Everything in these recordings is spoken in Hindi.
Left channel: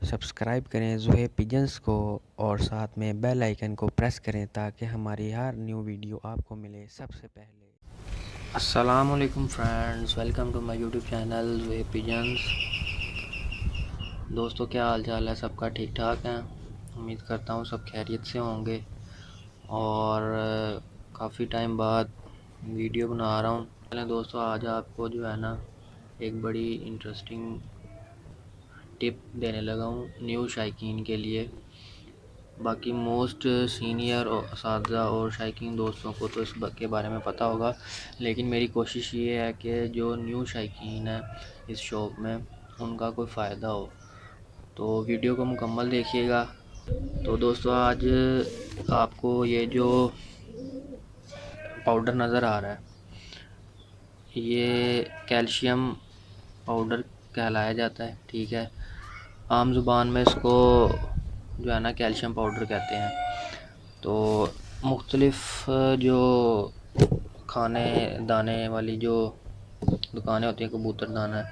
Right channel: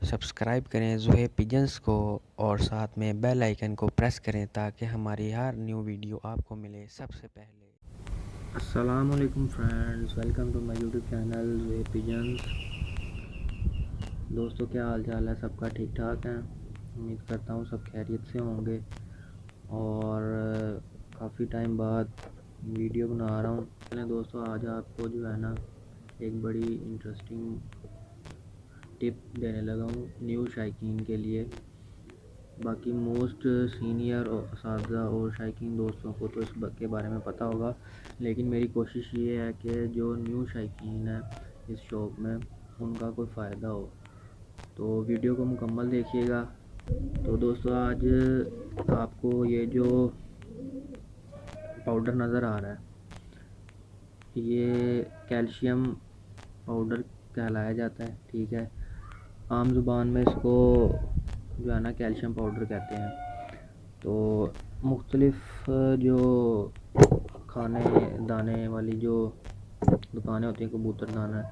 सब्सक्राइब करें ज़ुहैब पिजन्स को और साथ में बेल आइकन को प्रेस करें ताकि हमारी हर न्यू वीडियो आपको मिले सबसे पहले। अस्सलाम वालेकुम friends, welcome to my YouTube channel Zuhaib pigeons. दोस्तों, क्या हाल चाल है? सबका ठीक ठाक है। उम्मीद करता हूँ सब खैरियत से होंगे। और काफ़ी टाइम बाद वीडियो बना रहा हूँ। चलें दोस्तों, आज आपको जो है ना एक बड़ी इंटरेस्टिंग टिप देने लगा हूँ न्यू शायकीन के लिए। बाकी मोस्ट सीनियर और असातिज़ा और शायकीन दोस्तों को तो इस के बारे में पता होगा, लेकिन मेरी कोशिश ये है कि जो न्यू शायकीन है इस शॉप में उनका कोई फ़ायदा हो। तो वीडियो को मुकम्मल देखिएगा। तो दोस्तों, आज आपको ये जो पाउडर नज़र आ रहा है ये कैल्शियम पाउडर कहलाया जाता है, ठीक है। आम ज़ुबान में इसको जो है ना कैल्शियम पाउडर कहते हैं। तो मुख्तलिफ़ जो खाने दाने वाली जो दुकानें होती हैं कबूतर दाना,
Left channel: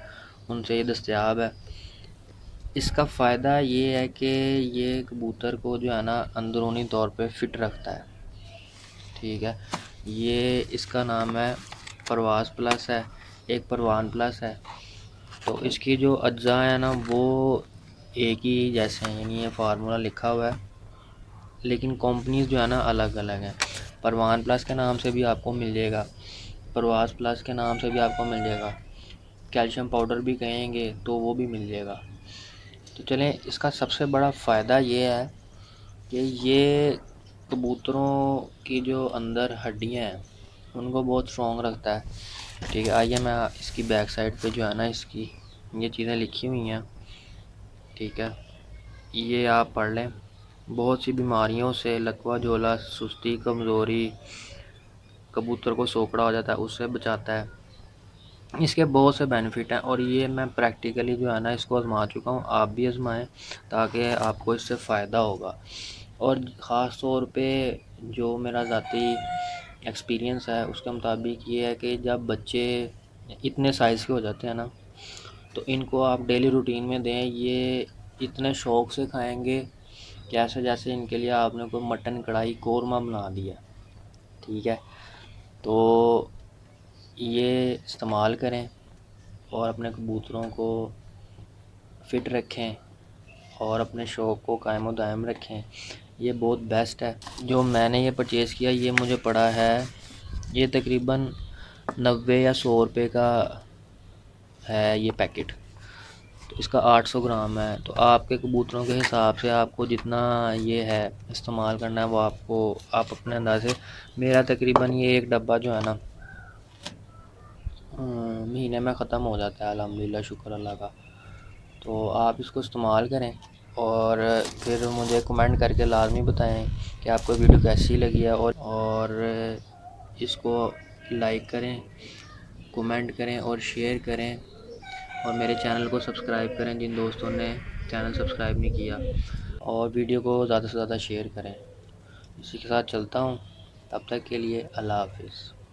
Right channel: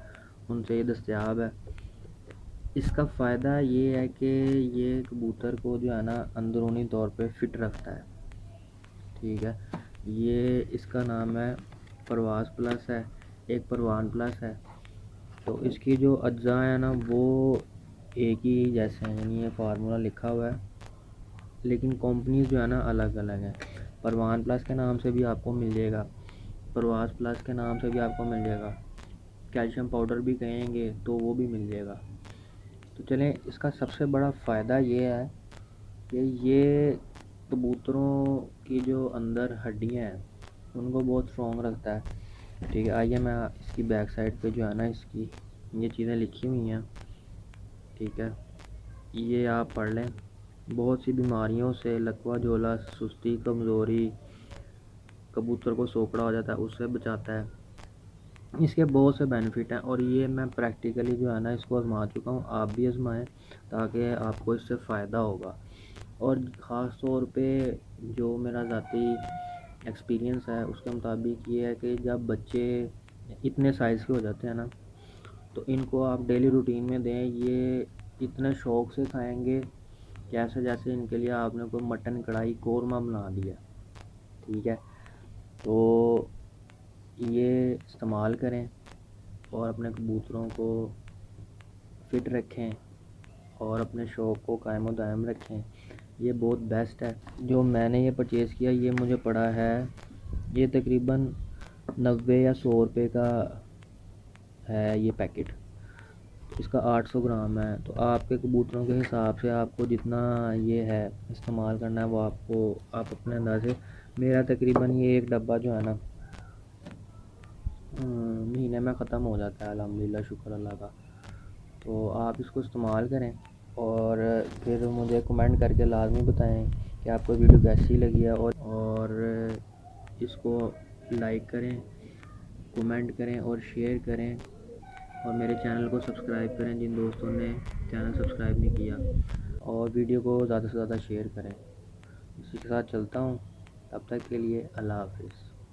उनसे ये दस्तयाब है। इसका फ़ायदा ये है कि ये कबूतर को जो है ना अंदरूनी तौर पे फ़िट रखता है, ठीक है। ये इसका नाम है परवाज़ प्लस है, एक परवान प्लस है। तो इसकी जो अज्जा है ना वो एक ही जैसे हैं, यानी ये फार्मूला लिखा हुआ है, लेकिन कंपनीज़ जो है ना अलग अलग हैं। परवान प्लस के नाम से भी आपको मिल जाएगा, परवाज़ प्लस के नाम से भी आपको मिल जाएगा, कैल्शियम पाउडर भी कहेंगे तो वो भी मिल जाएगा। तो चलें, इसका सबसे बड़ा फ़ायदा ये है कि ये कबूतरों की जो अंदर हड्डियाँ हैं उनको बहुत स्ट्रॉन्ग रखता है, ठीक है। आइए मैं इसकी बैक साइड पे जो है ना इसकी ये चीज़ें लिखी हुई हैं, ठीक है, ये आप पढ़ लें। बहुत सी बीमारियों से लकवा झोला, सुस्ती, कमज़ोरी, कबूतर को सोकड़ा हो जाता है उससे बचाता है। इसके बहुत से बेनिफिट हैं और ये मैं प्रैक्टिकली जो है ना इसको आजमा चुका हूँ। आप भी आजमाएं ताकि आपको इससे फ़ायदा होगा। और ख़ास तौर पे जो मेरा ज़ाती एक्सपीरियंस है उसके मुताबिक ये है कि जब बच्चे इतने साइज़ के हो जाते हैं ना तो इनको आप डेली रूटीन में दें, ये इतने शौक़ से खाएंगे कैसे जैसे इनके लिए आपने कोई मटन कढ़ाई कोरमा बना दिया, ठीक है। तो ये इस्तेमाल करें और अपने कबूतरों को फ़िट रखें और अपने शौक़ को कायम दायम रखें। ये बहुत बेस्ट है। जो मैंने ये परचेज़ किया ये मुझे पड़ा है, ये तकरीबन 90 या 100 रुपये का है ये पैकेट। तो इसका 800 ग्राम है। तो आपके कबूतरों के हिसाब से आपको जितना ये है इस्तेमाल करना है वो आप अपने अंदाज़े। मेरा तकरीबन ये एक डब्बा जो है ना महीने में ख़त्म हो जाता है, अल्हम्दुलिल्लाह, शुक्र अल्लाह का। तो आप इसको इस्तेमाल करें और फिर मुझे कमेंट करके लाजमी बताएं कि आपको वीडियो कैसी लगी है। और इसको लाइक करें, कमेंट करें और शेयर करें और मेरे चैनल को सब्सक्राइब करें जिन दोस्तों ने चैनल सब्सक्राइब नहीं किया, और वीडियो को ज़्यादा से ज़्यादा शेयर करें। इसी के साथ चलता हूँ, तब तक के लिए अल्लाह हाफ़िज़।